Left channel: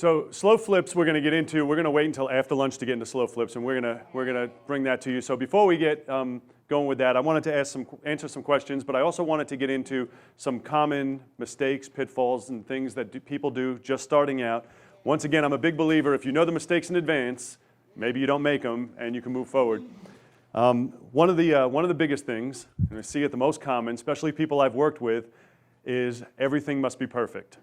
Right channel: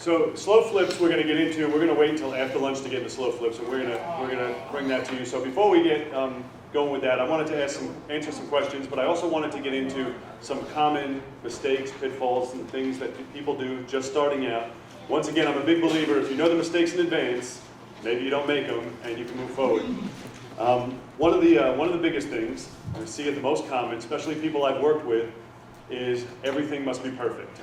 So slow flips we're going to get into. We're going to wait until after lunch to get into slow flips, and we're going to bring that to you. So before we get going with that, I wanted to answer some questions, but I also wanted to get into some common mistakes, pitfalls, and things that people do just starting out. Once again, I'm a big believer, if you know the mistakes in advance, maybe you don't make them, and you can move forward. One of the biggest things, I see it the most common, especially people I've worked with, is everything must be perfect.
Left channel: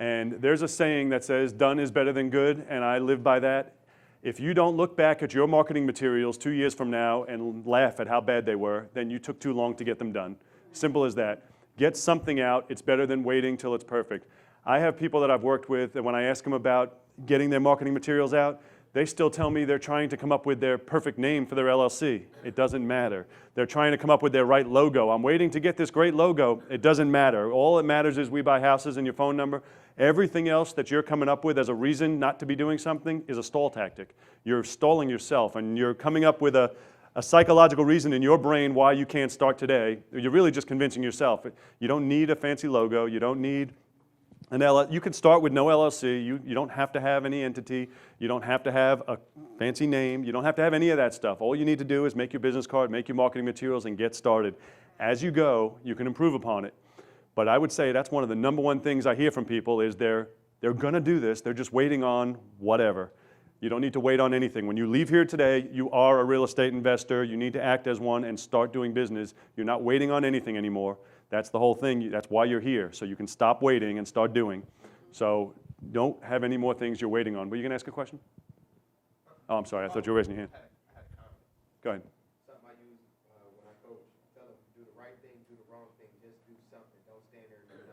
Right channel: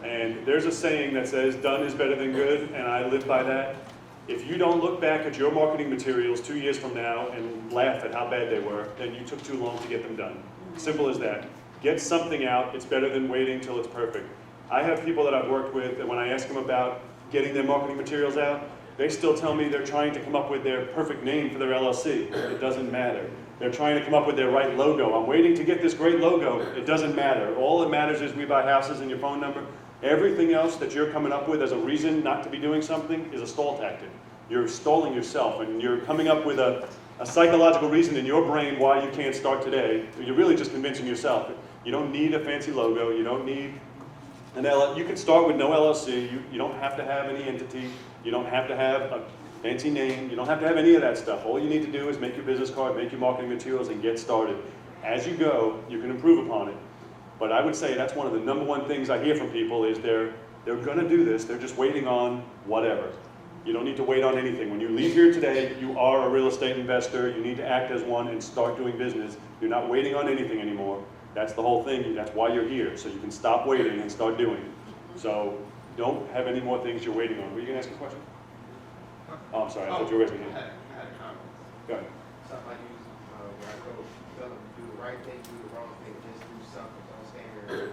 And there's a saying that says, done is better than good, and I live by that. If you don't look back at your marketing materials 2 years from now and laugh at how bad they were, then you took too long to get them done. Simple as that. Get something out. It's better than waiting till it's perfect. I have people that I've worked with that when I ask them about getting their marketing materials out, they still tell me they're trying to come up with their perfect name for their LLC. It doesn't matter. They're trying to come up with their right logo. I'm waiting to get this great logo. It doesn't matter. All that matters is we buy houses and your phone number. Everything else that you're coming up with as a reason not to be doing something is a stall tactic. You're stalling yourself, and you're coming up with a psychological reason in your brain why you can't start today. You're really just convincing yourself. You don't need a fancy logo. You don't need an LLC. You can start with no LLC. You don't have to have any entity. You don't have to have a fancy name. You don't have to have any of that stuff. All you need to do is make your business card, make your marketing materials, and get started. As you go, you can improve upon it. But I would say that's one of the number one things I hear from people is they're going to do this. They're just waiting on whatever. You don't need to wait on anything. When you leave here today, you are a real estate investor. You need to act as one and start doing business. You're not waiting on anything anymore. That's the whole thing. That's why you're here. So you can stop waiting and start doing. So don't have any more things you're waiting on. Were you going to ask a question? Oh, I'm sorry. I thought you were raising your hand. I had a comment. Go ahead. Something I use when I go tell them to do the right thing, do the wrong thing, just do something. Don't stand here.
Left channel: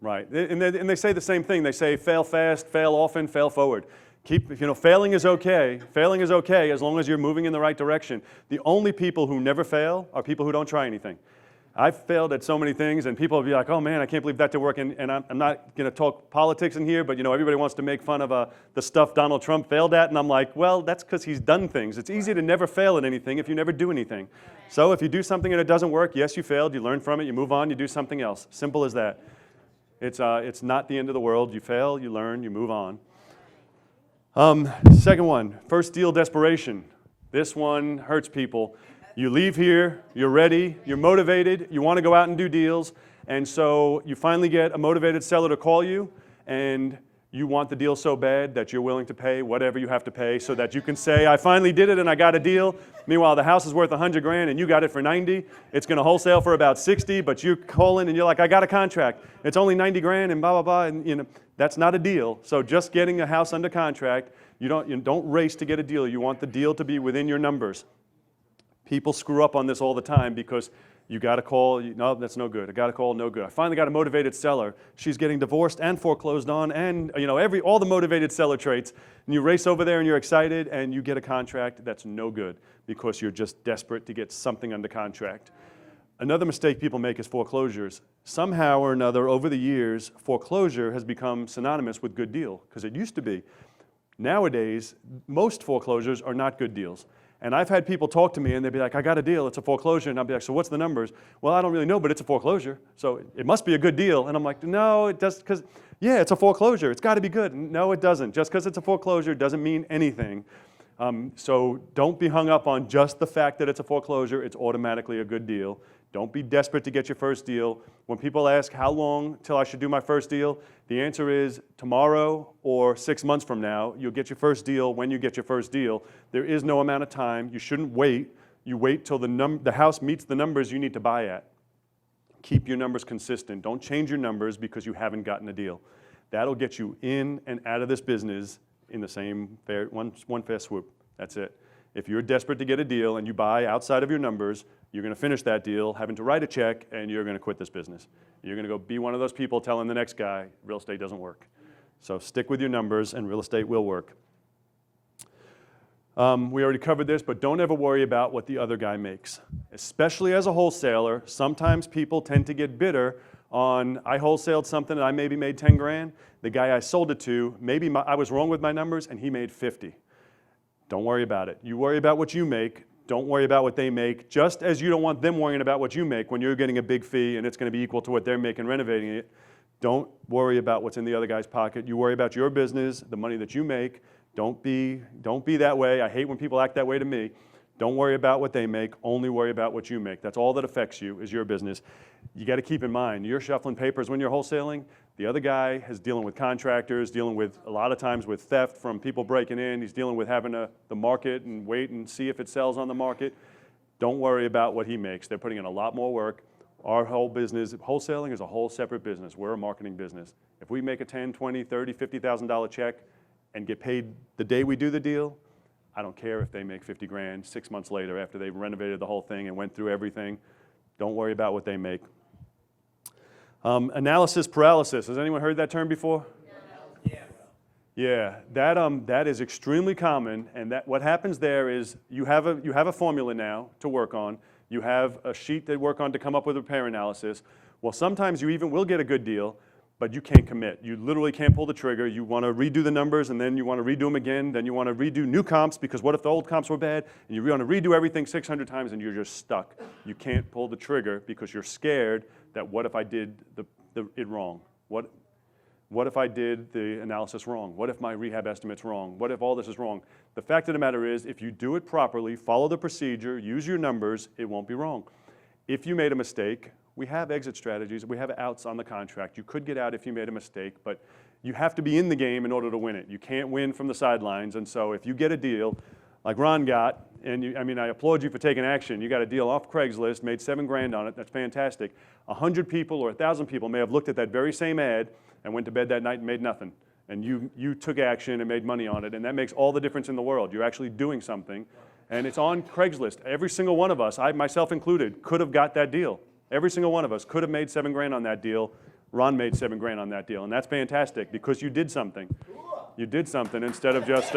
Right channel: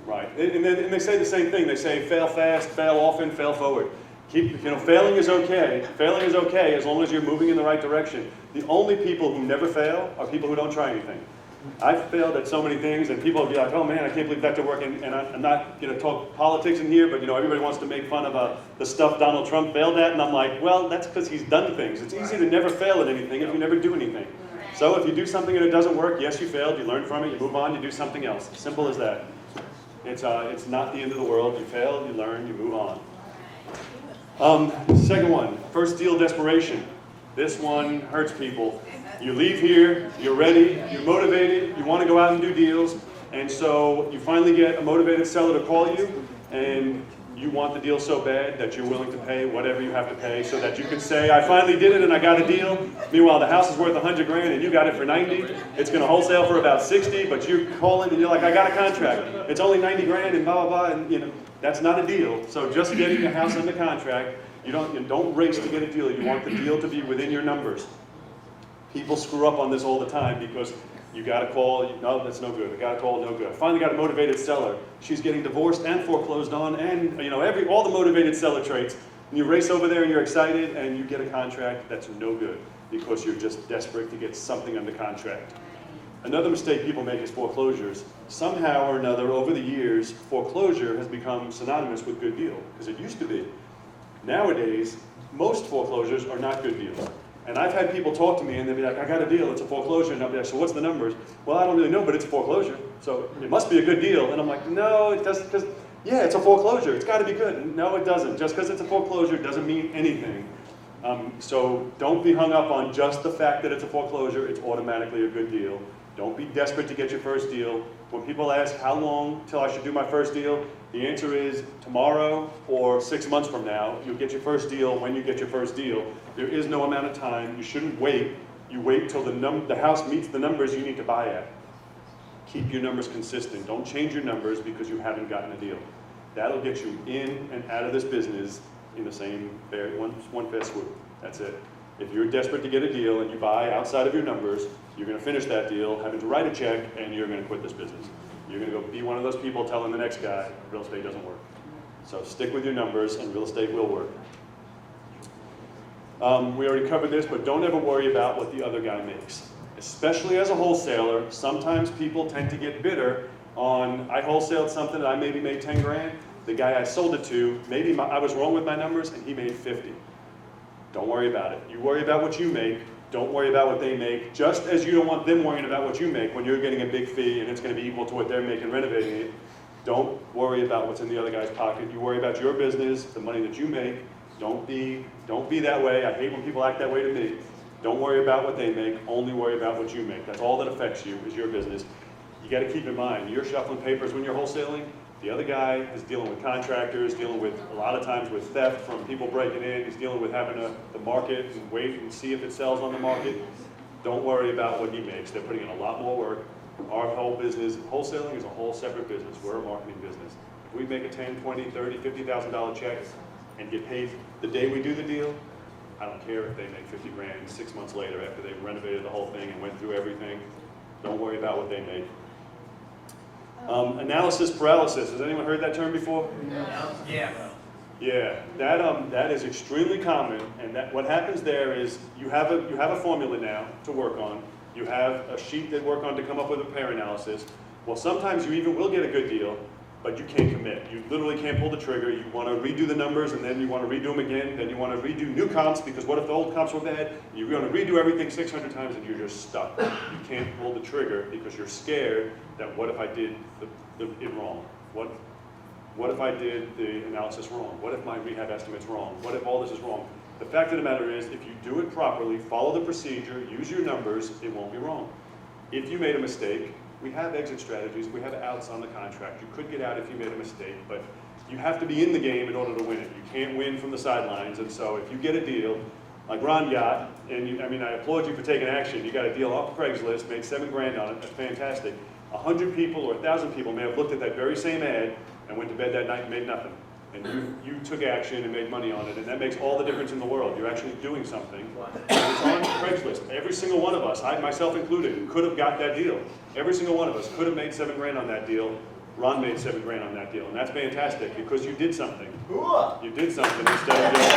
Right, and they say the same thing. They say fail fast, fail often, fail forward. Failing is okay. Failing is okay as long as you're moving in the right direction. The only people who never fail are people who don't try anything. I've failed at so many things, and people will be like, oh man, I can't believe that didn't work. And I'm not going to talk politics in here, but everybody wants to make fun of the stuff Donald Trump failed at, and I'm like, well, that's because he's done things. It's easy to never fail at anything if you never do anything. So if you do something and it doesn't work, yes, you failed, you learn from it, you move on, you do something else. Simple as that. It's not the end of the world. You fail, you learn, you move on. Second one, first deal desperation. This one hurts people. You leave here, you're ready, you're motivated, you want to go out and do deals, and so you finally get a motivated seller to call you, and you want the deal so bad that you're willing to pay whatever you have to pay so that you can say, I finally did it and I got a deal. Meanwhile, the house is worth $100,000 and you got it for 90. It's going to wholesale for about 60, but you're calling and you're like, I got a contract. It's only 90 grand and blah, blah, blah, and that's not a deal. So just getting a house under contract, you don't race to get a deal. You want the deal to be within your numbers. People screw up on this all the time because you got to call, no, that's no good. I got to call, no good. I finally got a motivated seller. She's getting divorced and foreclosed on, and all the motivated seller traits. And you race over there and you're excited, and you get a contract that's no good because you're just desperate to get something under contract. Another mistake people make is foreclosures. Somehow or another, over the years, foreclosure has become synonymous with good deal, because it used to be. Nowadays, most foreclosures are not good deals. And I've had people talk to me and they'd be like, I got a deal, it's a foreclosure. And I'll be like, so what's the numbers? Well, I don't really know, but it's a foreclosure. So it must be a good deal. And I'm like, no, it doesn't, because, yeah, it's a foreclosure. It's got to be good. No, it doesn't. Just because it's a foreclosure doesn't mean anything. So don't be hung up on just the fact that it's a foreclosure. It's automatically a good deal. Don't be desperate to get your first deal. When people ask how long till I should do my first deal, the answer is tomorrow or 6 months from now. You'll get your first deal when you get your first deal. There is no amount of time. You shouldn't wait. You wait till the house meets the numbers you need to buy at. Keep your numbers consistent. Don't change your numbers because you haven't gotten a deal. That'll get you in and out of this business in the same one fast swoop. That's it. If you're desperate to get a deal and you buy outside of your numbers, you're going to finish that deal, having to write a check, and you're going to quit this business. You're going to go be one of those people telling the next guy, real estate doesn't work. So stick with your numbers, and real estate will work. We already covered this, but don't ever worry about what the other guy makes. Especially as a wholesaler, sometimes people tend to get bitter on, I wholesaled something and I maybe made 10 grand. The guy I sold it to, maybe I was wrong with my numbers and he made 50. Don't worry about it. You worry about what you make. Don't worry about what they make. Just as you don't want them worrying about what you make when you're getting a big fee and it's going to be equal to what they're making renovating it, Don't worry about what's in the other guy's pocket. You worry about your business, the money that you make. Don't be that way. I hate when people act that way to me. Don't worry about what they make, only worry about what you make. That's all that affects you, is your business. You gotta keep in mind, you're shuffling papers when you're wholesaling. The other guy is dealing with contractors, dealing with, a lot of times with theft from people breaking in. He's dealing with having the market and wait and see if it sells on the market. Don't worry about what he makes. They're putting in a lot more work. Our whole business, wholesaling is a whole separate business. We're a marketing business. If we make a $10, $20, $30, $50,000 check and get paid the day we do the deal, I don't care if they make 50 grand 6 months later after they've renovated the whole thing and went through everything. Don't worry about what they make. Analysis paralysis. Has anyone heard that term before? Yeah. Yeah, that is extremely common, and that what happens there is you have a formula now to work on. You have a sheet they work on to come up with a repair analysis. Well, sometimes you even will get a good deal, but you can't commit. You literally can't pull the trigger. You want to redo the numbers, and then you want to redo them again. Then you want to redo new comps, because what if the old comps were bad? You want to redo everything 600 times, and you're just stuck. You can't pull the trigger because you're scared that what if I did it wrong? What if I did the analysis wrong? What if my rehab estimate's wrong? What if all this is wrong? The fact of the matter is, if you do it properly, follow the procedure, use your numbers, it won't be wrong. If you made a mistake, we have exit strategies, we have outs on the contract. You could get out if you made a mistake, but you have to be in the game in order to win it. You can't win from the sidelines, and so if you get a deal, like Ron got, and I applaud you for taking action. You got a deal off Craigslist, made 7 grand on it, that's fantastic. 100 people or 1,000 people may have looked at that very same ad and went to bed that night and made nothing. And you took action and made money on it, and that makes all the difference in the world. You're actually doing something. And it's on Craigslist. Every single one of us, I myself included, could have got that deal. Every single one of us could have made 7 grand on that deal. Ron made 7 grand on that deal, and that's fantastic because you did something. You did something instead of just.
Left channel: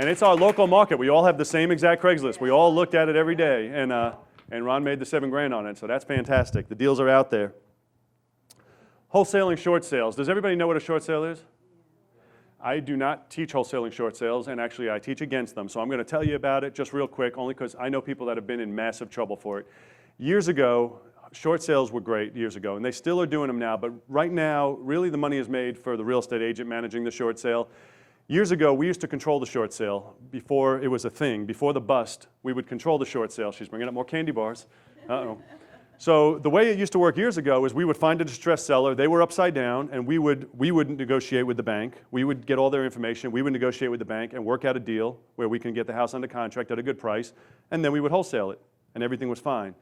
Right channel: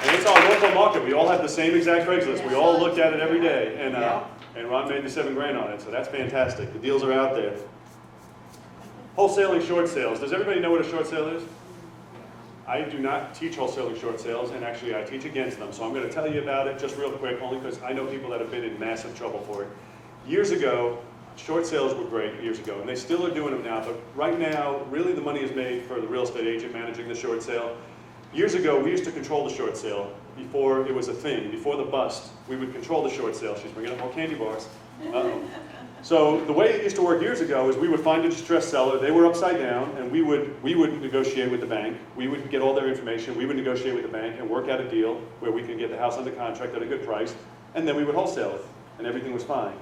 And it's our local market. We all have the same exact Craigslist. We all looked at it every day, and Ron made the 7 grand on it, so that's fantastic. The deals are out there. Wholesaling short sales. Does everybody know what a short sale is? I do not teach wholesaling short sales, and actually I teach against them. So I'm going to tell you about it just real quick, only because I know people that have been in massive trouble for it. Years ago, short sales were great years ago, and they still are doing them now, but right now, really the money is made for the real estate agent managing the short sale. Years ago, we used to control the short sale before it was a thing, before the bust. We would control the short sale. She's bringing up more candy bars. Uh-oh. So the way it used to work years ago is we would find a distressed seller, they were upside down, and we would negotiate with the bank. We would get all their information, we would negotiate with the bank and work out a deal where we can get the house under contract at a good price, and then we would wholesale it, and everything was fine.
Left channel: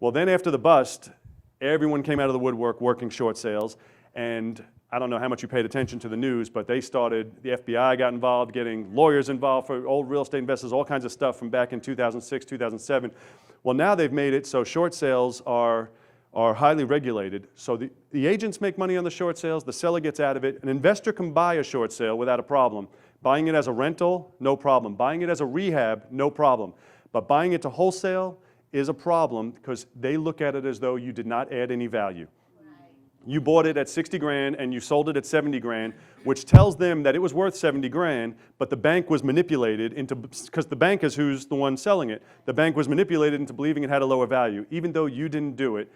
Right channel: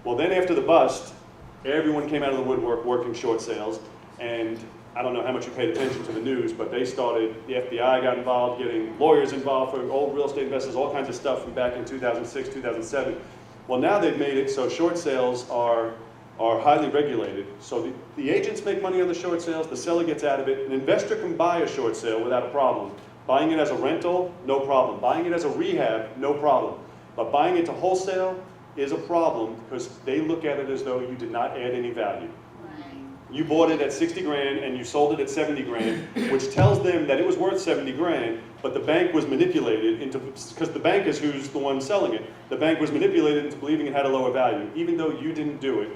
Well, then after the bust, everyone came out of the woodwork working short sales, and I don't know how much you paid attention to the news, but the FBI got involved, getting lawyers involved for old real estate investors, all kinds of stuff from back in 2006, 2007. Well, now they've made it so short sales are highly regulated. So the agents make money on the short sales, the seller gets out of it. An investor can buy a short sale without a problem. Buying it as a rental, no problem. Buying it as a rehab, no problem. But buying it to wholesale is a problem because they look at it as though you did not add any value. You bought it at 60 grand and you sold it at 70 grand, which tells them that it was worth 70 grand, but the bank was manipulated into, because the bank is who's the one selling it, the bank was manipulated into believing it had a lower value, even though you didn't do it.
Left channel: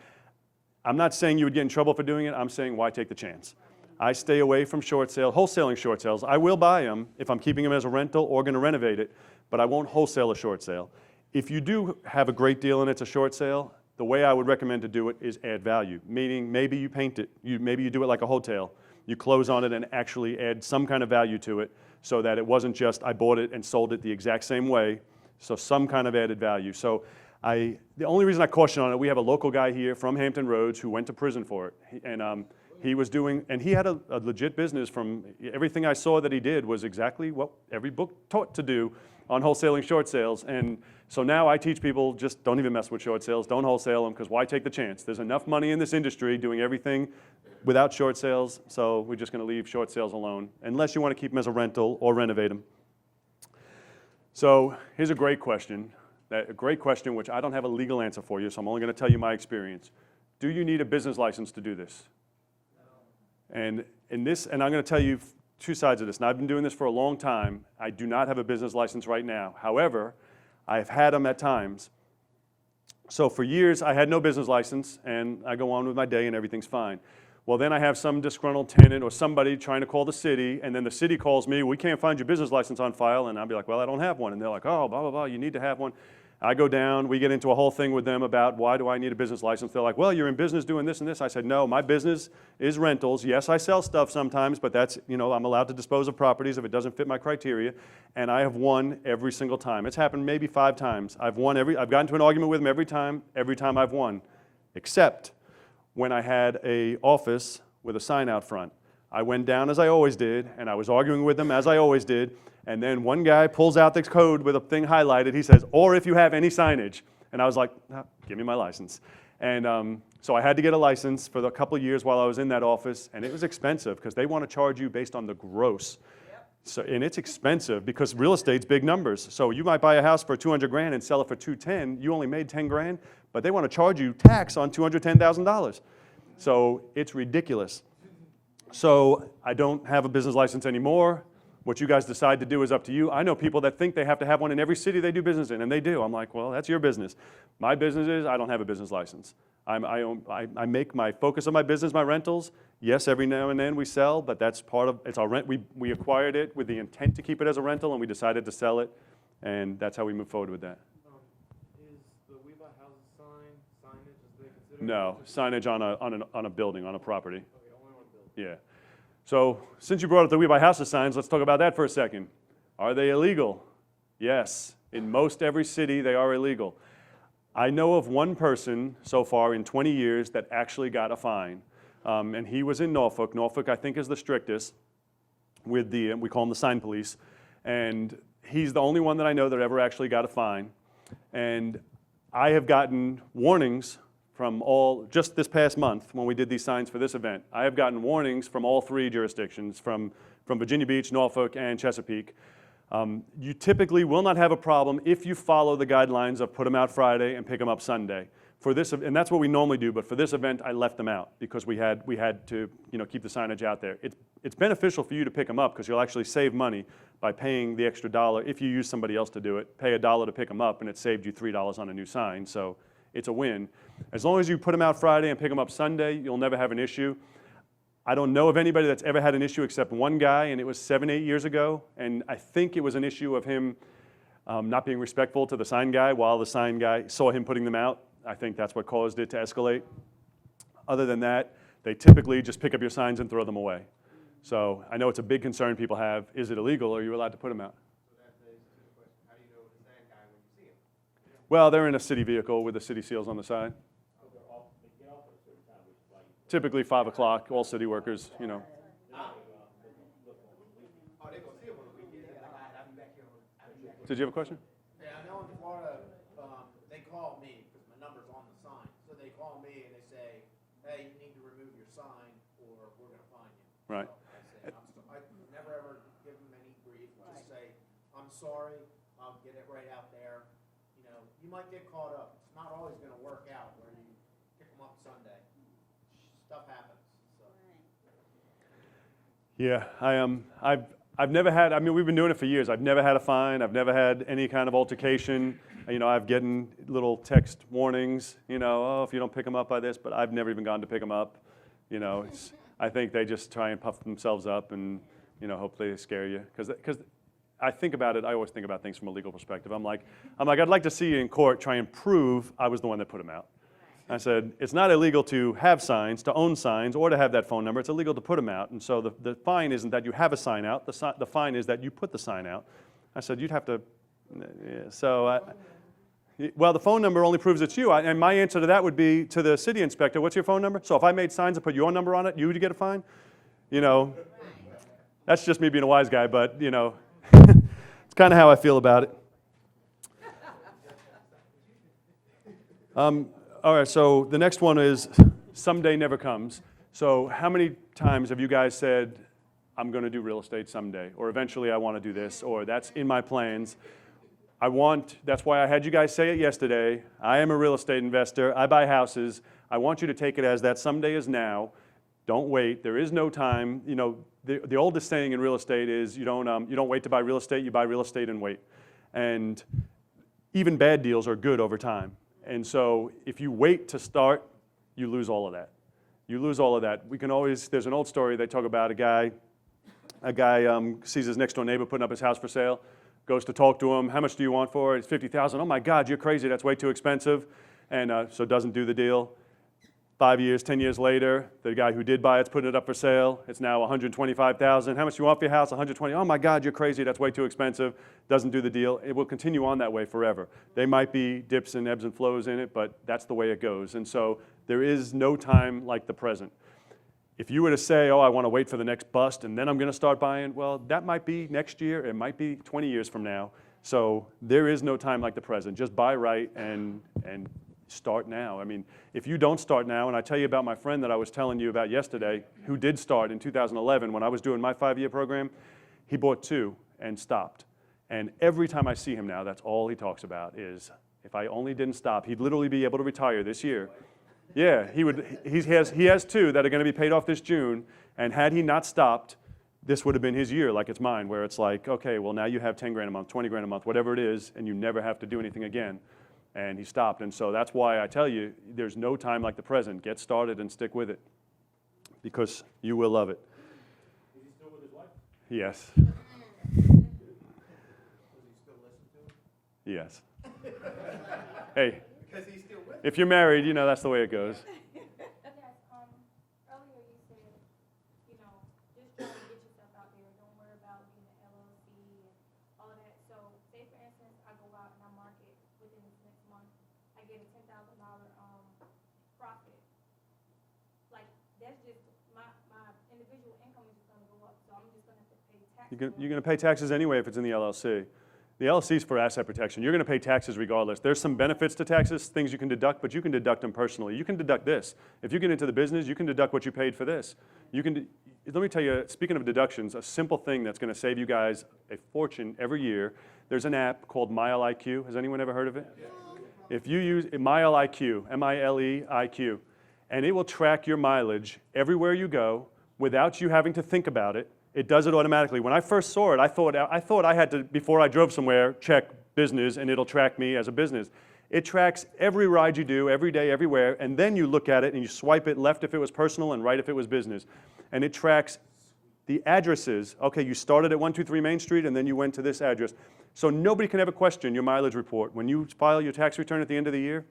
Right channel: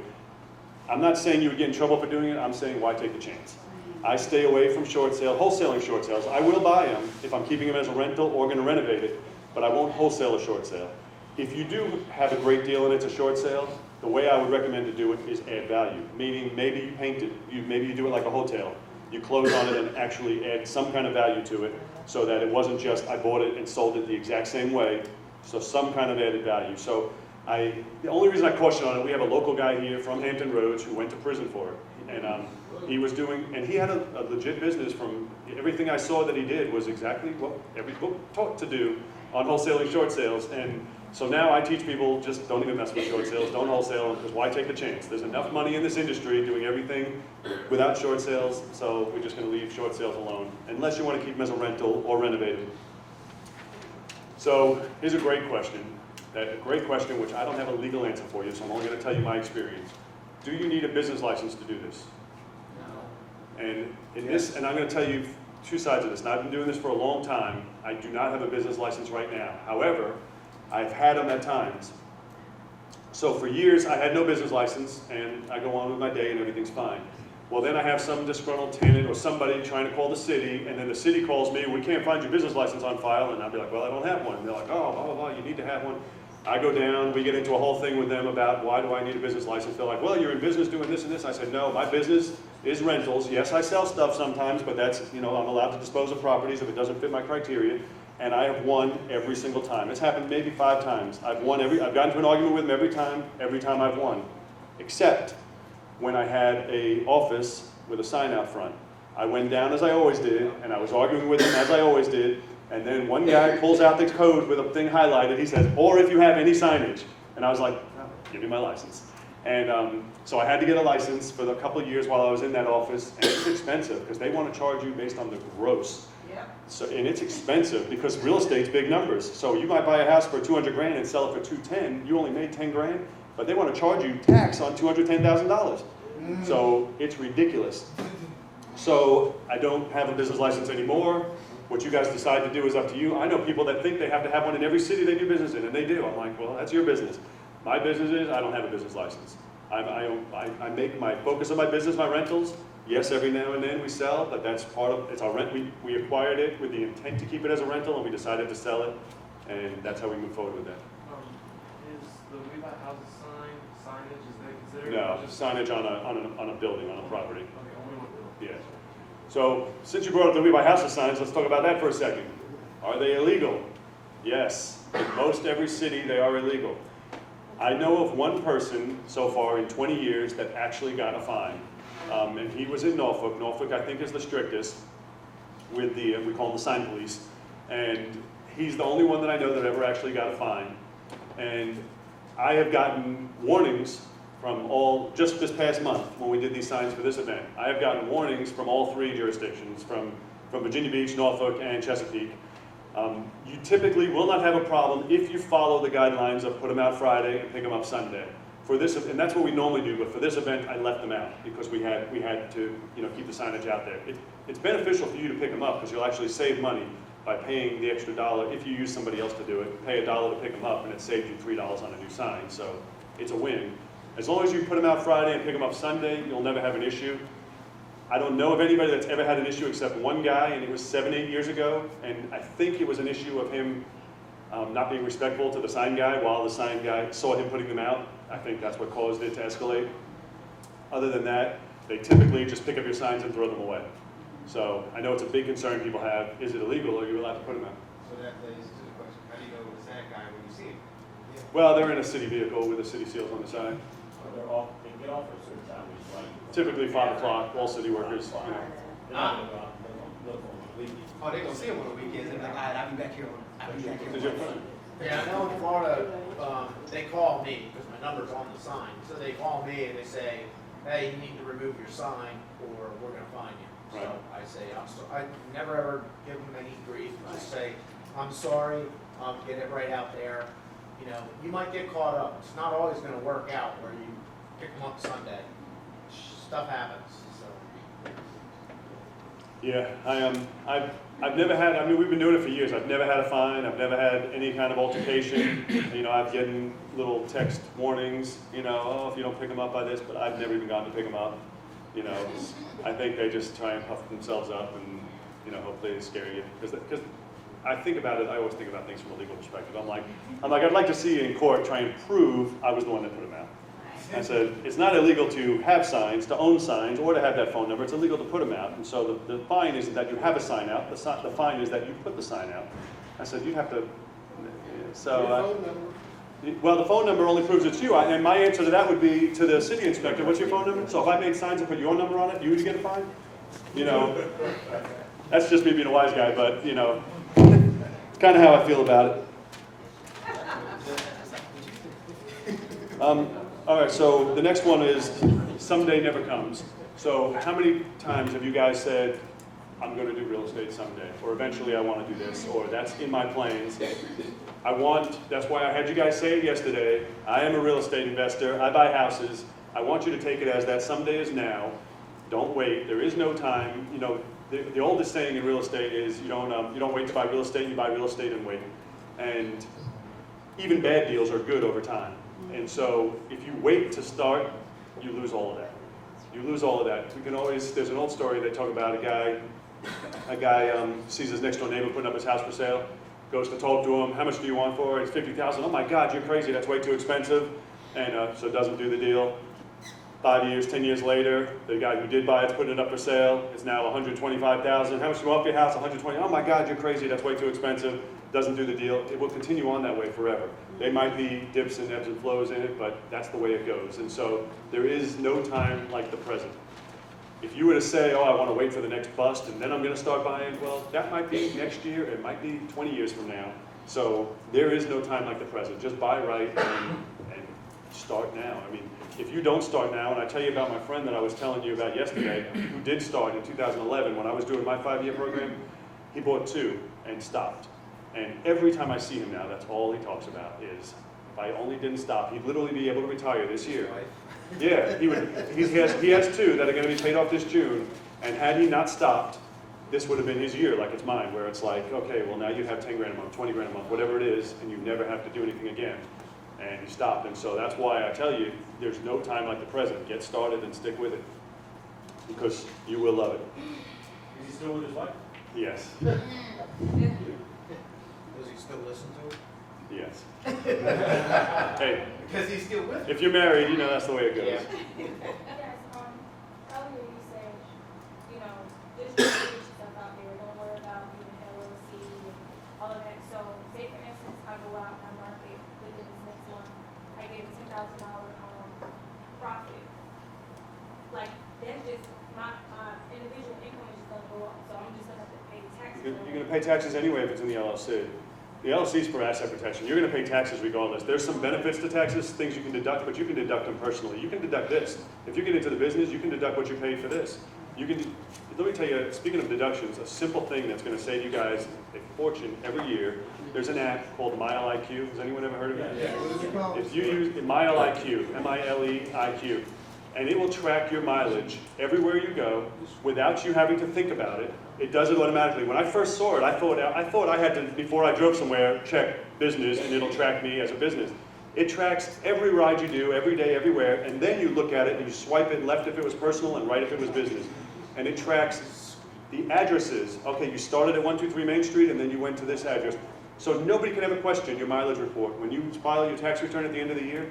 I'm not saying you would get in trouble for doing it, I'm saying why take the chance? I stay away from short sale, wholesaling short sales. I will buy them if I'm keeping them as a rental or going to renovate it, but I won't wholesale a short sale. If you do have a great deal and it's a short sale, the way I would recommend to do it is add value, meaning maybe you paint it, maybe you do it like a hotel. You close on it and actually add some kind of value to it so that it wasn't just I bought it and sold it the exact same way, so some kind of added value. So the only reason I caution on it, we have a local guy here from Hampton Roads who went to prison for it. And he was doing, and he had a legit business from everything I saw that he did was exactly what every book taught to do on wholesaling short sales. And so now I teach people, just don't even mess with short sales, don't wholesale them, because why take the chance? There's enough money in this industry doing everything without short sales, so we're just going to leave short sales alone, unless you want to keep them as a rental or renovated. So here's a great question, which I don't have a legal answer for you, so I'm only going to tell you my experience. Do you need a business license to do this? No. And I'm going to tell you two sides of this, and I've been doing this for a long time. I do not have a business license right now. However, I've had them at times. So for years, I had no business license, and I go on with my day and everything's fine. Well, then I have some disgruntled tenant or somebody trying to call the city, and then the city calls me, we can't find your business license on file, and I'd be like, well, I don't have one. And they're like, oh, blah, blah, blah, you need to have one. I go down, we get into a whole thing with them about why do I need a business license. They're like, well, you're in business doing this and this. I said, no, my business is rentals. Yes, I sell stuff sometimes, but that's, I'm allowed to dispose of properties if it doesn't fit my criteria. And I have won every single time. It's happened maybe 5 times. I've gotten into an argument with them every time I've won. Except when I had a office with a sign out front. I went down as I always did, and I was arguing with them as I always did, and then one guy pulls out the code with a thing highlighted. He says, or if you have any signage. And I was like, no, give me my license. And so I had to get a license for a couple of years while I was in that office, and it was expensive because they want to charge you based on the gross. So, and it's expensive because real estate's big numbers. So you might buy a house for 200 grand and sell it for 210. You only made 10 grand, but they want to charge you tax on $210,000. So it's ridiculous. So I don't have a business license anymore. What you guys decide to do is up to you. I know people that think they have to have one in every city they do business in, and they do. I'm like, well, that's your business. My business is I don't have a business license. I make my focus on my business, my rentals. Yes, every now and then we sell, but that's part of, it's our rent. We acquired it with the intent to keep it as a rental, and we decided to sell it, and that's how we move forward with that. Is the We Buy Houses signage, is that considered? No, signage on a building, on a property. Okay, only one building. Yeah. So since you brought up the We Buy Houses signs, let's talk about that for a second. Are they illegal? Yes. In most every city, they are illegal. I know of one person so far in 20 years that actually got a fine. And he was in Norfolk. Norfolk, I think, is the strictest with the, we call them the sign police. And he's the only one that I know that ever actually got a fine. And I have gotten warnings from just this past month when we did these signs for this event. I have gotten warnings from all 3 jurisdictions, from Virginia Beach, Norfolk, and Chesapeake. You typically will not have a problem if you follow the guidelines of put them out Friday and pick them up Sunday. For this, and that's what we normally do, but for this event, I left them out because we had to keep the signage out there. It's beneficial for you to pick them up because you'll actually save money by paying the extra $1. If you use somebody else to do it, pay $1 to pick them up, and it saved you $3 on a new sign. So it's a win. As long as you put them out Friday and pick them up Sunday, you'll never have an issue. I don't know of anybody that's ever had an issue except one guy, and it was 7-8 years ago, and I think it was an issue of him not being respectful to the sign guy while the sign guy saw him putting them out. I think that's what caused it to escalate. Other than that, they typically just pick up your signs and throw them away. So I know it's a big concern people have. Is it illegal or are you allowed to put them out? So that leads to the question, how do you know it's that guy when you see him? Well, they're in a city vehicle with the city seals on the side. They get off at a certain time, which is like. Typically 5 o'clock, all city workers, They're not gonna go out, they're gonna look on the weekend. Oh, they're gonna see him on the weekends, and they're like, all right, I'll be back here I'll be back here. Did you have a question? Yeah, I know in Florida, they call me, because my number's on the sign, so they call me and they say, hey, you need to remove your sign, or we're gonna fine you. Right. So I say, I never ever give them any grief, I just say, I'm sorry, get it right out there. You might get caught up, it's not always gonna work out where you pick them up Sunday. Stuff happens, so. Yeah, I've never had, we've been doing it for years. I've never had a fine. I've never had any kind of altercation. I've getting little text warnings, oh, if you don't pick them up by this, but I've never even gone to pick them up. I think they just try and puff themselves up and, hopefully they scare you. Because I think about it, I always think about things from a legal perspective. I'm like, I'd like to see you in court try and prove I was the one that put them out. I said, it's not illegal to have signs, to own signs, or to have that phone number. It's illegal to put them out. And so the fine isn't that you have a sign out. The fine is that you put the sign out. I said, you'd have to, well, the phone number only proves it's you. And my answer to that would be to the city inspector, what's your phone number? So if I made signs and put your number on it, you would get a fine? That's just me being a wise guy, but, it's kind of how I feel about it. All right, so the next one is someday never comes. So how many times have you guys said, I'm going to do real estate someday, or eventually I want to do this, or that's in my plans? That's why I had you guys say it yesterday, I am a real estate investor, I buy houses. I want you to take it as that someday is now. Don't wait, there is no time. The oldest saying in real estate is you don't wait to buy real estate, you buy real estate and wait. And even bad deals are good over time. And so if you wait to start, you lose all of that. You lose all of that. We can always, there's an old story they talk about a guy sees his next door neighbor putting up his house for sale, goes to talk to him, how much do you want for it? It's $50,000. Oh my God, you're crazy, that's way too expensive. And so doesn't do the deal. 5 years, 10 years later, the guy who did buy it put it up for sale. It's now $125,000. How much do you want for your house? $120,000. Oh my God, you're crazy, that's way too expensive. Doesn't do the deal. It will continue on that way forever. There might be dips and ebbs and flows in it, but that's the way it goes. And so there is no time like the present. If you were to say, oh, I want to wait for the next bust and then I'm going to start buying, well, that might be next year. It might be 20 years from now. So there is no time like the present. Just buy right and start now. I mean, if you don't start now, and I tell you about my friend that I was telling you about yesterday, who did start in 2011 when I was doing my 5-year program, he bought 2 and stopped. And every time I see him now, that's all he talks about is, if I only didn't stop, he'd literally be able to retire this year. Yeah, he would. He has 2 that are going to be paid off this June, and had he not stopped, this would have been his year, like it's mine, where it's like, okay, well now you have 10 grand a month, 20 grand a month, whatever it is, and you never have to do anything again, and you stop. And so that's why I tell you, there's no time like the present. Get started and stick with it, because you will love it. Is he still with his wife? Yes. Does he still listen to it? Yes. Hey, Because he's still with it. if you're married, you know that's the way it goes. Yes, earlier you said, you know, there's just stuff out there, don't worry about being LLC and all of that. So, say for instance, I go out and I market within this next month, I get a $10,000 profit. Like, that's just, my individual income is just gonna go up, so I'm just gonna have to pay taxes. You're going to pay taxes anyway if it's in the LLC. The LLC is for asset protection. You're going to pay taxes regardless. There's some benefits to taxes, things you can deduct, but you can deduct them personally. You can deduct this. If you get into the business, you can deduct what you paid for this. You can. Let me tell you, speaking of deductions, a simple thing that's going to save you guys a fortune every year. There's an app called MileIQ. Has anyone ever heard of it? Yeah. If you use MileIQ, M-I-L-E-I-Q, and it will track your mileage everywhere you go without you having to think about it. It does it automatically. When I first saw it, I thought I had to, before I drove somewhere, check business and it'll track me as a business. It tracks every ride you do, every day, everywhere, and then you look at it and you swipe it left if it was personal and right if it was business. And it tracks the addresses. Okay, you started at 123 Main Street and then you went to this address. So nobody can ever question your mileage report. When you file your tax return at the end of the year,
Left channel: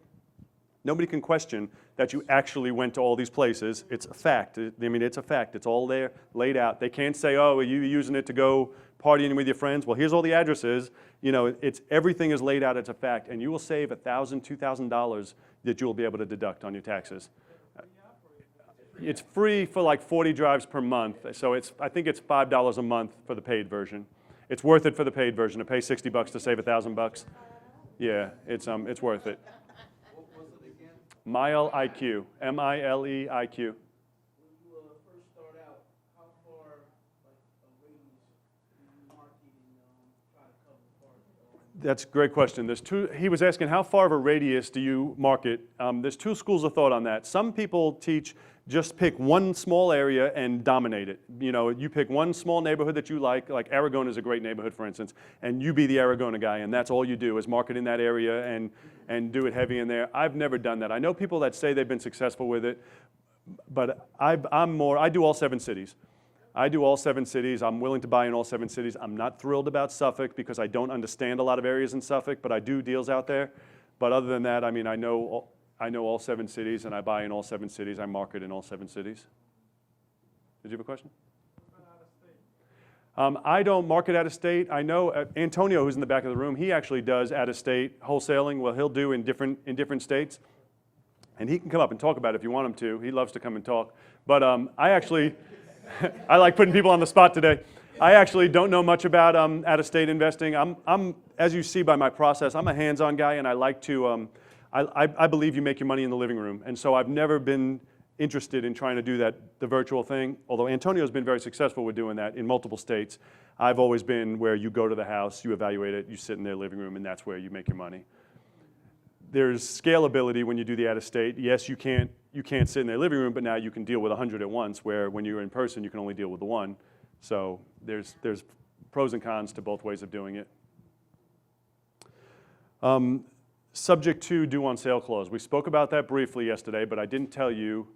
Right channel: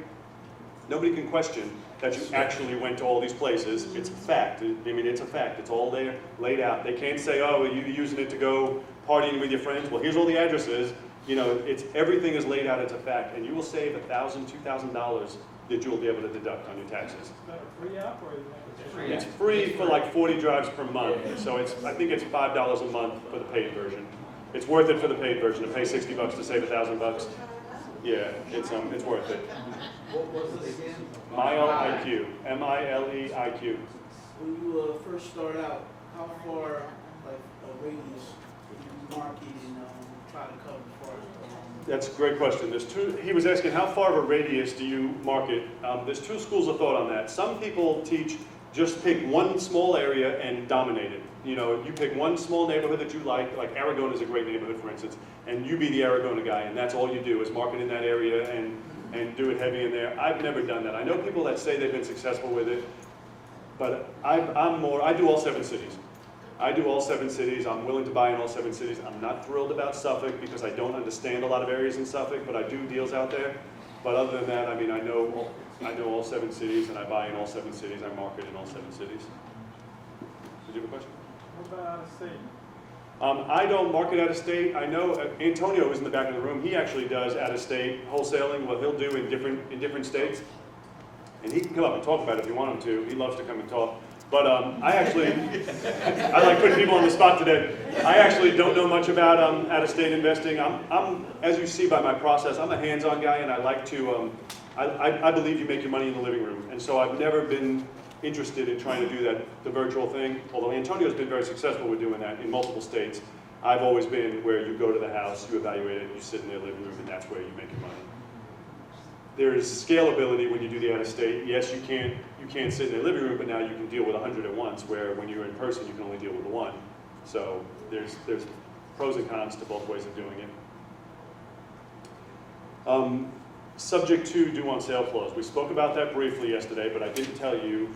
nobody can question that you actually went to all these places. It's a fact. I mean, it's a fact. It's all there, laid out. They can't say, oh, are you using it to go partying with your friends? Well, here's all the addresses. You know, everything is laid out as a fact, and you will save $1,000, $2,000 that you'll be able to deduct on your taxes. Is that a free app or is it? It's free for like 40 drives per month, so I think it's $5 a month for the paid version. It's worth it for the paid version. To pay $60 to save $1,000. Yeah, it's worth it. What was it again? MileIQ, M-I-L-E-I-Q. When you first start out, how far, like a radius, you market and try to cover as far as? That's a great question. He was asking how far of a radius do you market? There's 2 schools of thought on that. Some people teach just pick one small area and dominate it. You know, you pick one small neighborhood that you like Aragon is a great neighborhood, for instance, and you be the Aragon guy, and that's all you do is market in that area and do it heavy in there. I've never done that. I know people that say they've been successful with it, but I do all 7 cities. I do all 7 cities. I'm willing to buy in all 7 cities. I'm not thrilled about Suffolk because I don't understand a lot of areas in Suffolk, but I do deals out there. But other than that, I mean, I know all 7 cities, and I buy in all 7 cities. I market in all 7 cities. Did you have a question? What about out of state? I don't market out of state. I know Antonio, who's in the back of the room, he actually does out of state wholesaling. What he'll do in different states, and he can come up and talk about it if you want him to. He loves to come and talk. But I like putting people on the spot today. I actually don't know much about out of state investing. I'm as you see by my process, I'm a hands-on guy, and I like to. I believe you make your money in the living room, and so I've never been interested in trying to do the virtual thing, although Antonio's been very successful with doing that in multiple states. I've always been where you go to the house, you evaluate it, you sit in their living room, and that's where you make your money. There's scalability when you do the out-of-state. Yes, you can't sit in their living room, but now you can deal with 100 at once, where when you're in person, you can only deal with 1. So there's pros and cons to both ways of doing it. subject to due on sale clause. We spoke about that briefly yesterday, but I didn't tell you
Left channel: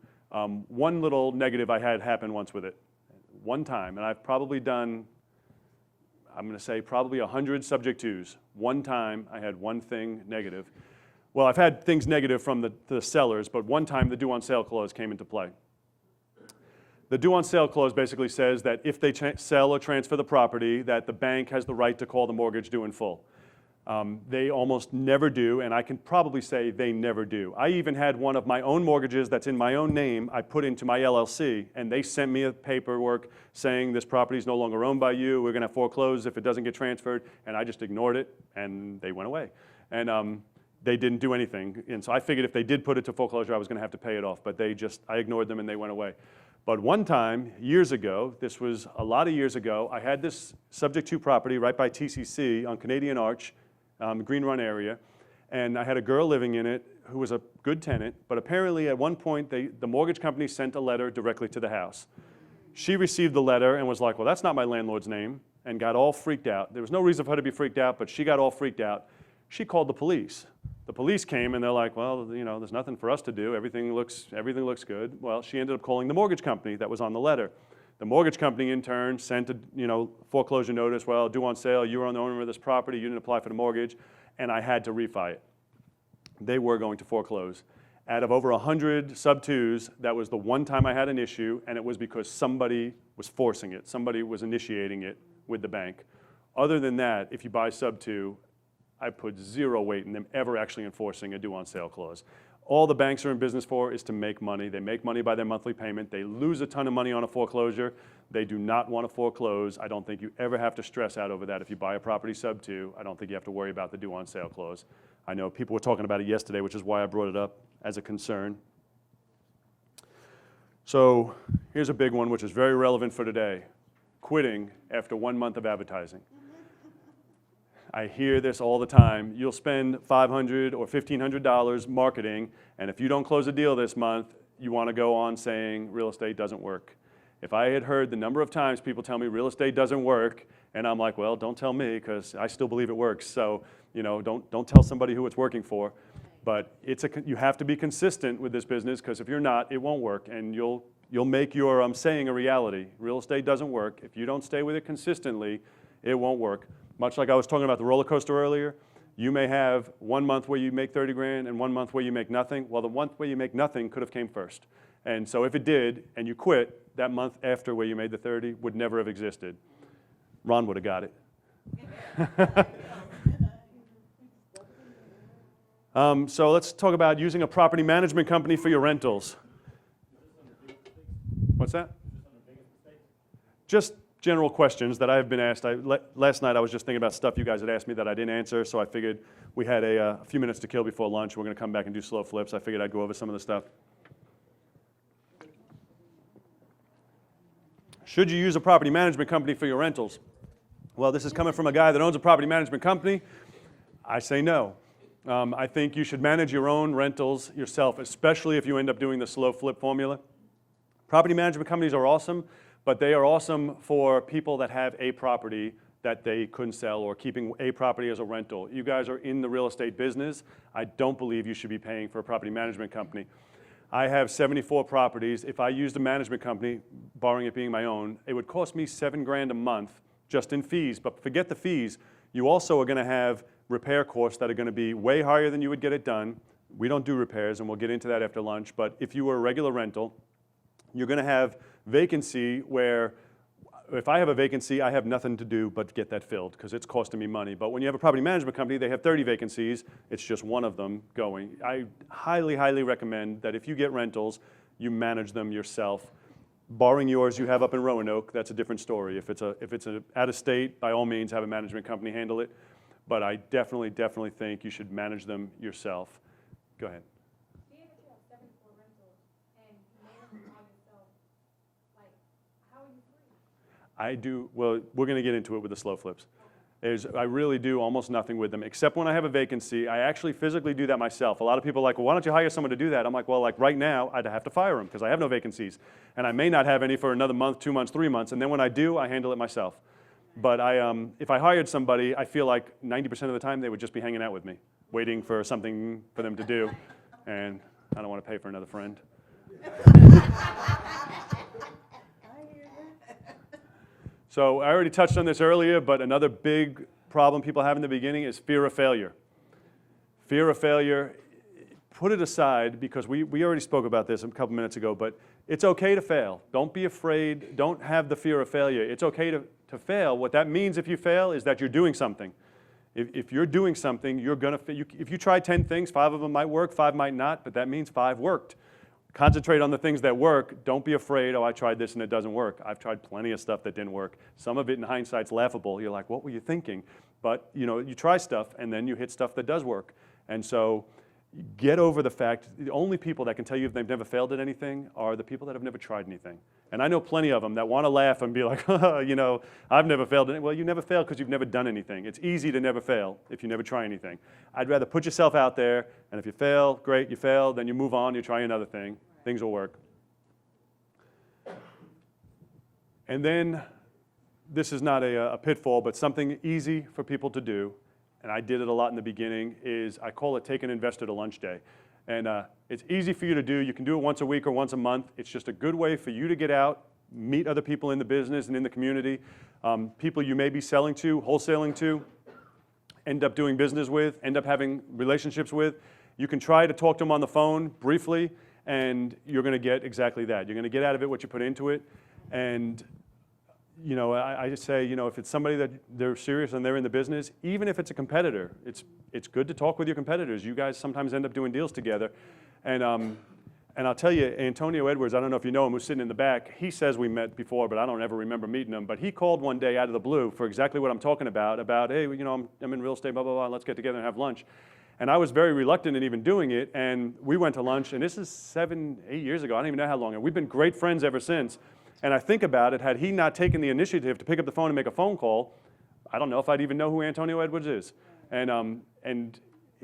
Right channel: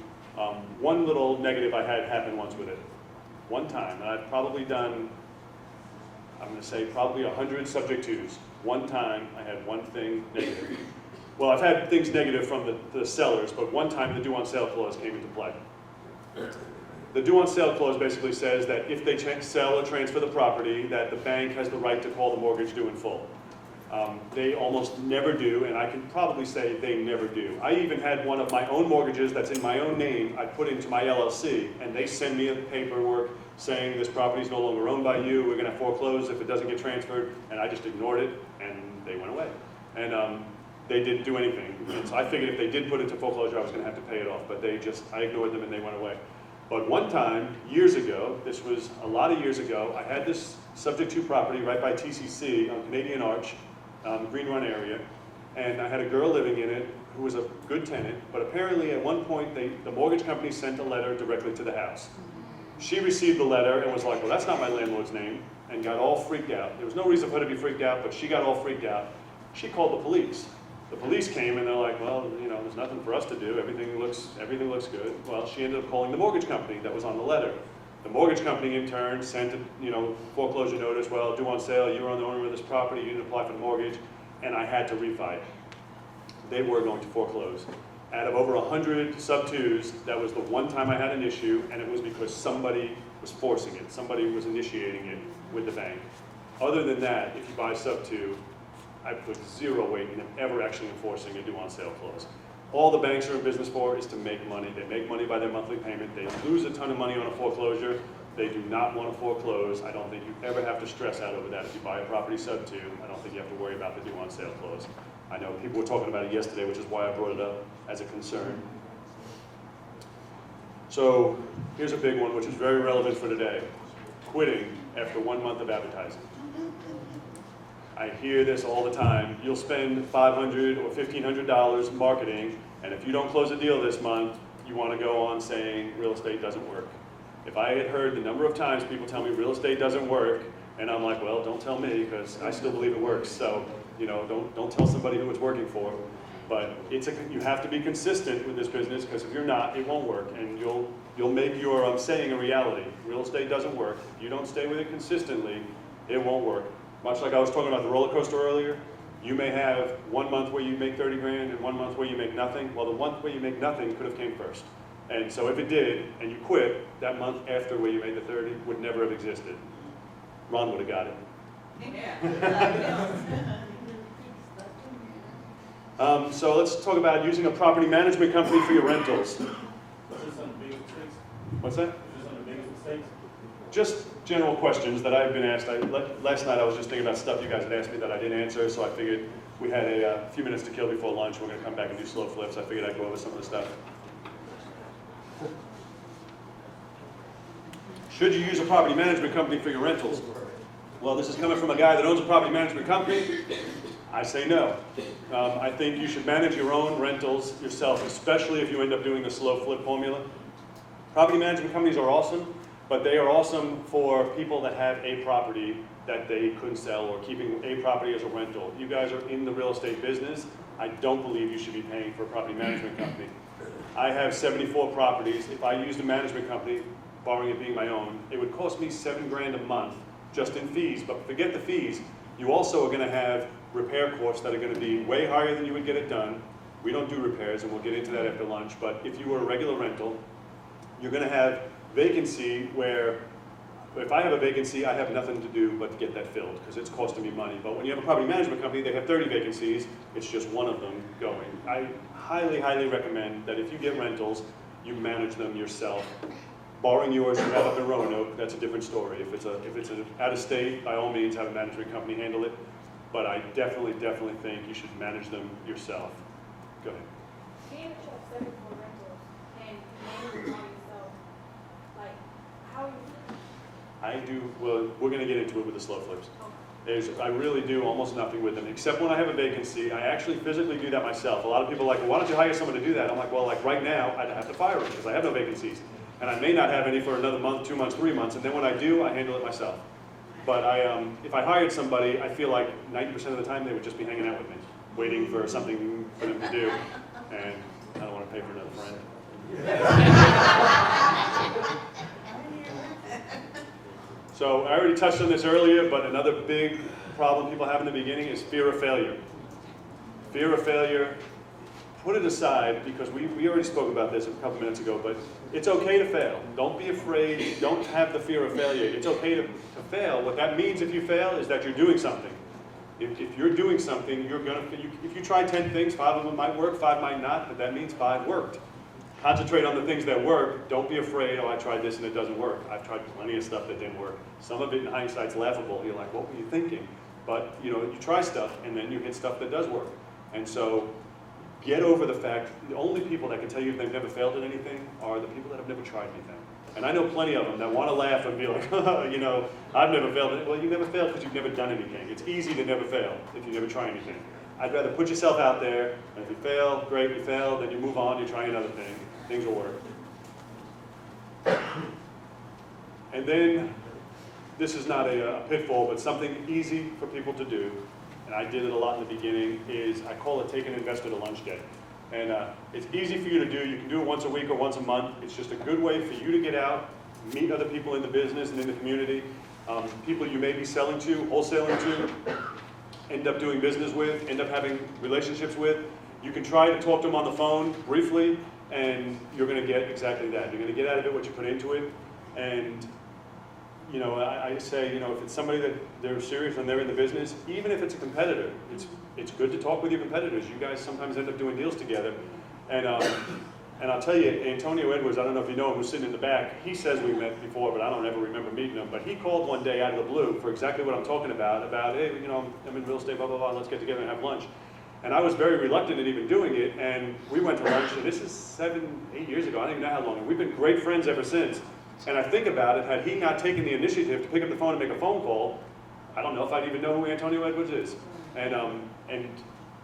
one little negative I had happen once with it. One time, and I've probably done, I'm going to say probably 100 subject twos. One time I had one thing negative. Well, I've had things negative from the sellers, but one time the due on sale clause came into play. The due on sale clause basically says that if they sell or transfer the property, that the bank has the right to call the mortgage due in full. They almost never do, and I can probably say they never do. I even had one of my own mortgages that's in my own name, I put into my LLC, and they sent me a paperwork saying this property is no longer owned by you, we're going to foreclose if it doesn't get transferred, and I just ignored it, and they went away. And they didn't do anything. And so I figured if they did put it to foreclosure, I was going to have to pay it off, but I ignored them and they went away. But one time, years ago, this was a lot of years ago, I had this subject to property right by TCC on Canadian Arch, Green Run area, and I had a girl living in it who was a good tenant, but apparently at one point the mortgage company sent a letter directly to the house. She received the letter and was like, well, that's not my landlord's name, and got all freaked out. There was no reason for her to be freaked out, but she got all freaked out. She called the police. The police came and they're like, well, there's nothing for us to do. Everything looks good. Well, she ended up calling the mortgage company that was on the letter. The mortgage company in turn sent a foreclosure notice. Well, due on sale, you were the owner of this property, you didn't apply for the mortgage, and I had to refi it. They were going to foreclose. Out of over 100 sub-twos, that was the one time I had an issue, and it was because somebody was forcing it. Somebody was initiating it with the bank. Other than that, if you buy sub-two, I put zero weight in them ever actually enforcing a due on sale clause. All the banks are in business for is to make money. They make money by their monthly payment. They lose a ton of money on a foreclosure. They do not want to foreclose. I don't think you ever have to stress out over that. If you buy a property sub-two, I don't think you have to worry about the due on sale clause. I know people were talking about it yesterday, which is why I brought it up as a concern. So here's a big one, which is very relevant for today. Quitting after 1 month of advertising. I hear this all the time. You'll spend $500 or $1,500 marketing, and if you don't close a deal this month, you want to go on saying real estate doesn't work. If I had heard the number of times people tell me real estate doesn't work, and I'm like, well, don't tell me, because I still believe it works. So, don't tell somebody who it's working for. But you have to be consistent with this business, because if you're not, it won't work, and you'll make your saying a reality. Real estate doesn't work. You don't stay with it consistently, it won't work. Much like I was talking about the roller coaster earlier, you may have 1 month where you make 30 grand and 1 month where you make nothing. Well, the month where you make nothing could have came first. And so if it did, and you quit, that month after where you made the 30 would never have existed. Ron would have got it. So let's talk about using a property management company for your rentals. Is this on the biggest mistakes? What's that? Is this on the biggest mistakes? Just general questions that I've been asked. Last night I was just thinking about stuff you guys had asked me that I didn't answer, so I figured we had a few minutes to kill before lunch. We're going to come back and do slow flips. I figured I'd go over some of the stuff. Should you use a property management company for your rentals? Well, this is coming from a guy that owns a property management company. I say no. I think you should manage your own rentals yourself, especially if you end up doing the slow flip formula. Property management companies are awesome, but they are awesome for people that have a property that they couldn't sell, or keeping a property as a rental. You guys are in the real estate business. I don't believe you should be paying for a property management company. I have 74 properties. If I used a management company, barring it being my own, it would cost me $7 grand a month just in fees. But forget the fees. You also are going to have repair costs that are going to be way higher than you would get it done. We don't do repairs, and we'll get into that after lunch. But if you were a regular rental, you're going to have vacancy where if I have a vacancy, I have nothing to do but get that filled because it's costing me money. But when you have a property management company, they have 30 vacancies. It's just one of them going. I highly, highly recommend that if you get rentals, you manage them yourself. Barring yours you have up in Roanoke, that's a different story. If it's an out of state, by all means, have a management company handle it. But I definitely think you should manage them yourself. Go ahead. Being a shop 74 rentals and managing by yourself, like, how are you? I do, well, we're going to get into it with the slow flips. I really do almost nothing with them, except when I have a vacancy. I actually physically do that myself. A lot of people are like, well, why don't you hire someone to do that? I'm like, well, like right now, I'd have to fire them because I have no vacancies. And I may not have any for another month, 2 months, 3 months, and then when I do, I handle it myself. But if I hired somebody, I feel like 90% of the time they would just be hanging out with me. waiting for something for them to do, and I don't want to pay for another friend. So I already touched on this earlier, but another big problem people have in the beginning is fear of failure. Fear of failure, put it aside, because we already spoke about this a couple minutes ago, but it's okay to fail. Don't be afraid. Don't have the fear of failure. It's okay to fail. What that means if you fail is that you're doing something. If you're doing something, if you try 10 things, 5 of them might work, 5 might not, but that means 5 worked. Concentrate on the things that work. Don't be afraid, oh, I tried this and it doesn't work. I've tried plenty of stuff that didn't work. Some of it in hindsight's laughable. You're like, what were you thinking? But you try stuff and then you hit stuff that does work. And so get over the fact, the only people that can tell you they've never failed at anything are the people that have never tried anything. And I know plenty of them that want to laugh and be like, I've never failed. Well, you never failed because you've never done anything. It's easy to never fail if you never try anything. I'd rather put yourself out there, and if you fail, great, you fail, then you move on, you try another thing. Things will work. And then, this is not a pitfall, but something easy for people to do, and I did it a lot in the beginning, is I call it take an investor to lunch day. And it's easy for you to do. You can do it once a week or once a month. It's just a good way for you to get out, meet other people in the business and in the community, people you may be selling to, wholesaling to, end up doing business with, end up having relationships with. You can try to talk to them on the phone briefly, and you're going to get exactly that. You're going to get out of it what you put into it. And I say, if it's somebody that they're serious and they're in the business, even if it's a competitor, it's good to talk with your competitors. You guys sometimes end up doing deals together. And I'll tell you, Antonio Edwards, I don't know if you know him, who's sitting in the back, he says we met before, but I don't ever remember meeting him. But he called one day out of the blue for exactly what I'm talking about, hey, I'm in real estate, blah, blah, blah, let's get together and have lunch. And I was very reluctant in even doing it, and we went to lunch, and this is 7, 8 years ago, I don't even know how long. We've been great friends ever since. And I think about it, had he not taken the initiative to pick up the phone and make a phone call, I don't know if I'd even know who Antonio Edwards is. And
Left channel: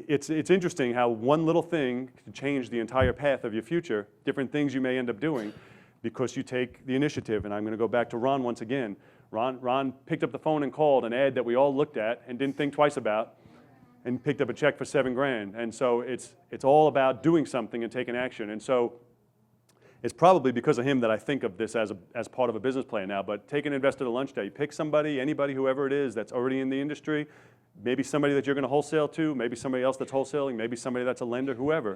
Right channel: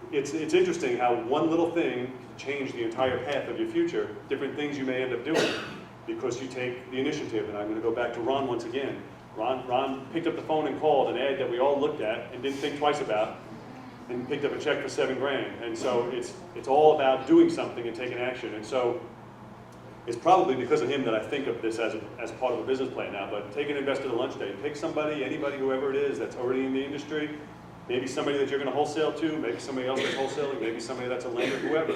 it's interesting how one little thing can change the entire path of your future, different things you may end up doing because you take the initiative. And I'm going to go back to Ron once again. Ron picked up the phone and called an ad that we all looked at and didn't think twice about, and picked up a check for $7,000. And so it's all about doing something and taking action. And so it's probably because of him that I think of this as part of a business plan now. But take an investor to lunch day. Pick somebody, anybody, whoever it is that's already in the industry. Maybe somebody that you're going to wholesale to, maybe somebody else that's wholesaling, maybe somebody that's a lender, whoever.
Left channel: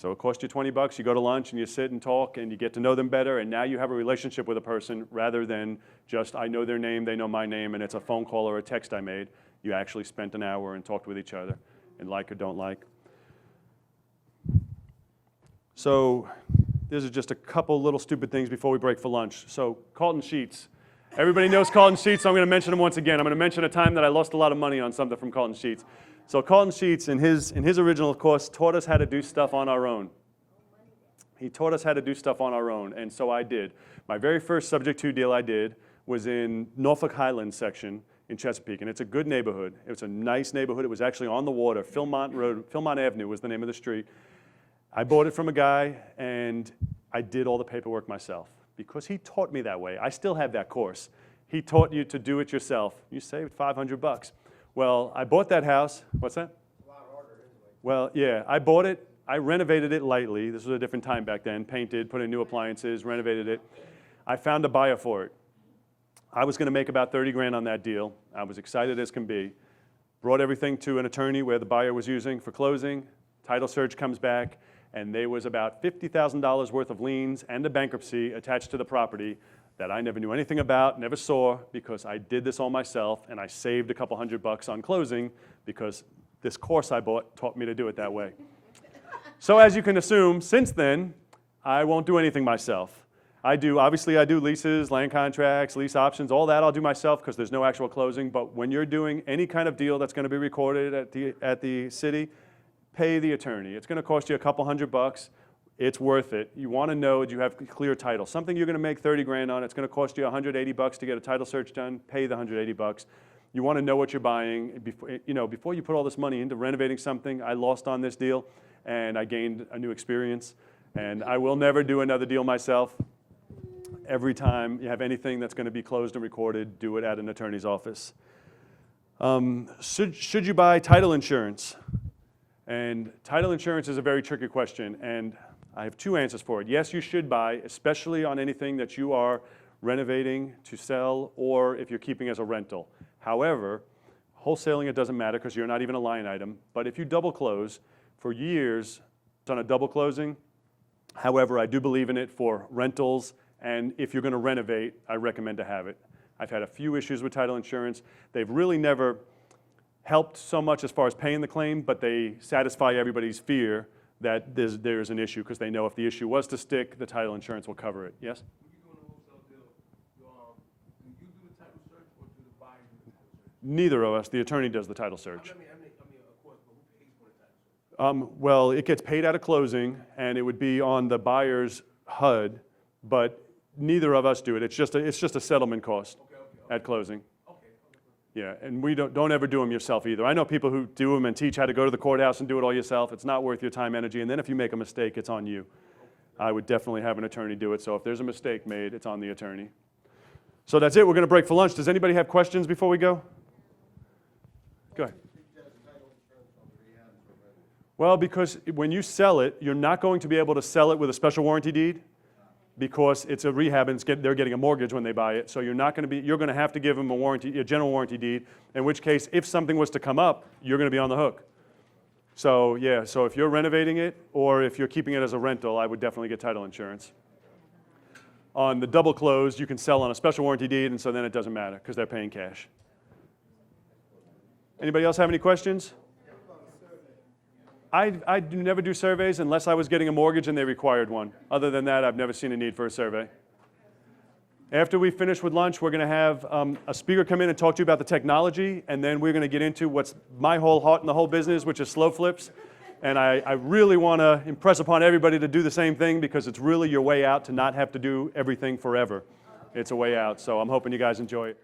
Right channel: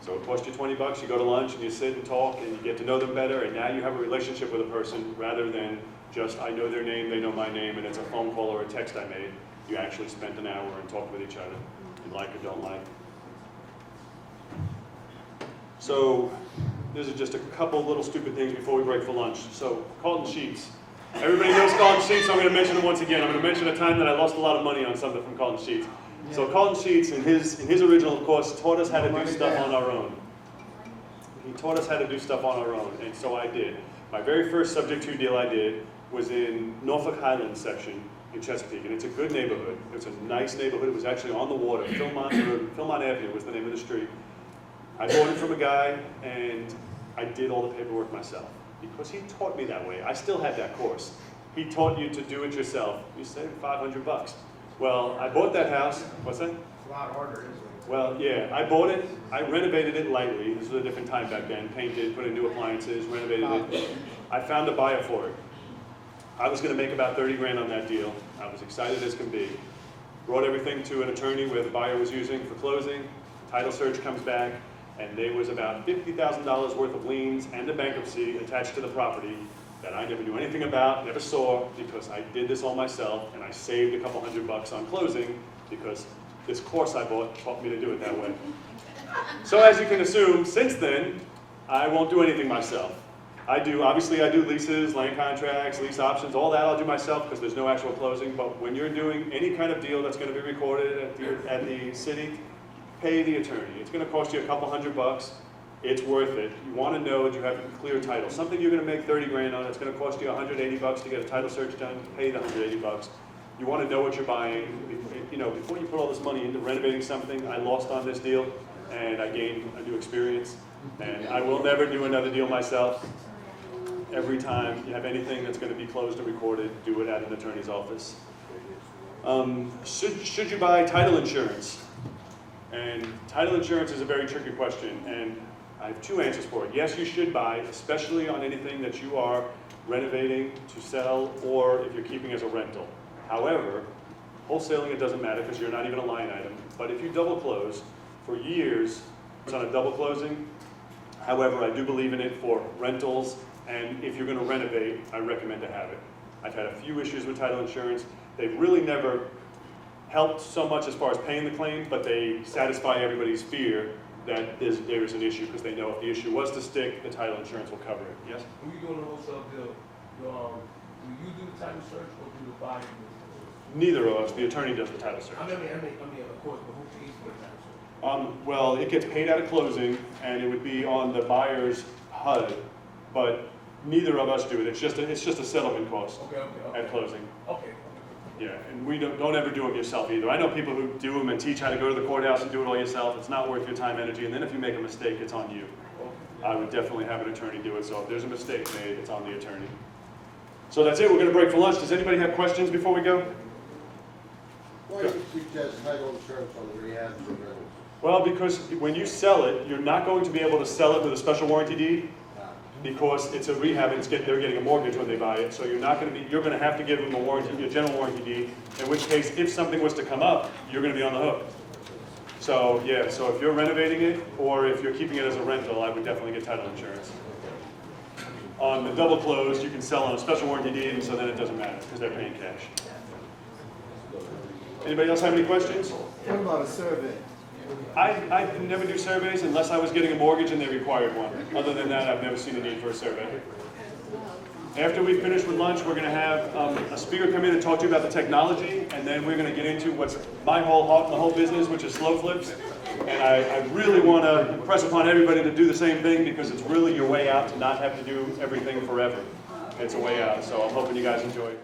So it costs you $20, you go to lunch and you sit and talk and you get to know them better, and now you have a relationship with a person rather than just I know their name, they know my name, and it's a phone call or a text I made. You actually spent an hour and talked with each other, and like or don't like. So this is just a couple little stupid things before we break for lunch. So Carlton Sheets. Everybody knows Carlton Sheets, so I'm going to mention them once again. I'm going to mention a time that I lost a lot of money on something from Carlton Sheets. So Carlton Sheets, in his original course, taught us how to do stuff on our own. He taught us how to do stuff on our own, and so I did. My very first subject to deal I did was in Norfolk Highlands section in Chesapeake, and it's a good neighborhood. It was a nice neighborhood. It was actually on the water. Philmont Avenue was the name of the street. I bought it from a guy, and I did all the paperwork myself because he taught me that way. I still have that course. He taught you to do it yourself. You saved $500. Well, I bought that house. What's that? It's a lot harder, isn't it? Well, yeah, I bought it. I renovated it lightly. This was a different time back then. Painted, put in new appliances, renovated it. I found a buyer for it. I was going to make about $30,000 on that deal. I was excited as can be. Brought everything to an attorney where the buyer was using for closing. Title search comes back, and there was about $50,000 worth of liens and a bankruptcy attached to the property that I never knew anything about, never saw, because I did this all myself, and I saved a couple $100 on closing because this course I bought taught me to do it that way. So as you can assume, since then, I won't do anything myself. Obviously I do leases, land contracts, lease options, all that I'll do myself because there's no actual closing, but when you're doing any kind of deal that's going to be recorded at the city, pay the attorney. It's going to cost you a couple $100. It's worth it. You want to know that you have clear title. Something you're going to make $30,000 on, it's going to cost you $180 to get a title search done, pay the $180. You want to know what you're buying. Before you put all this money into renovating something, I lost on this deal, and I gained a new experience. And I will never do another deal myself. Every time you have anything that's going to be closed and recorded, do it at an attorney's office. Should you buy title insurance? And title insurance is a very tricky question, and I have two answers for it. Yes, you should buy, especially on anything that you are renovating to sell or if you're keeping as a rental. However, wholesaling it doesn't matter because you're not even a line item. But if you double close, for years, done a double closing. However, I do believe in it for rentals, and if you're going to renovate, I recommend to have it. I've had a few issues with title insurance. They've really never helped so much as far as paying the claim, but they satisfy everybody's fear that there's an issue because they know if the issue was to stick, the title insurance will cover it. Yes? When you doing a wholesale deal, do you do the title search or do the buyer do the Neither of us. The attorney does the title search. search? I mean, of course, but who pays for the title search? Well, it gets paid out of closing, and it would be on the buyer's HUD, but neither of us do it. It's just a settlement cost Okay. at closing. Okay. Yeah, and we don't ever do them yourself either. I know people who do them and teach how to go to the courthouse and do it all yourself. It's not worth your time, energy, and then if you make a mistake, it's on you. I would definitely have an attorney do it, so if there's a mistake made, it's on the attorney. So that's it, we're gonna break for lunch. Does anybody have questions before we go? Why do you suggest title insurance on the rehabs and rentals? Well, because when you sell it, you're not going to be able to sell it with a special warranty deed because it's a rehab and they're getting a mortgage when they buy it. So you're going to have to give them a general warranty deed, in which case, if something was to come up, you're going to be on the hook. So yeah, so if you're renovating it or if you're keeping it as a rental, I would definitely get title insurance. On the double close, you can sell on a special warranty deed, and so then it doesn't matter because they're paying cash. Anybody else have any questions? What about a survey? I never do surveys unless I was getting a mortgage and they required one. Other than that, I've never seen a need for a survey. After we finish with lunch, we're going to have a speaker come in and talk to you about the technology, and then we're going to get into what's my whole heart in the whole business, which is slow flips. And I really want to impress upon everybody to do the same thing because it's really your way out to not have to do everything forever. It's a way out, so I'm hoping you guys enjoy it.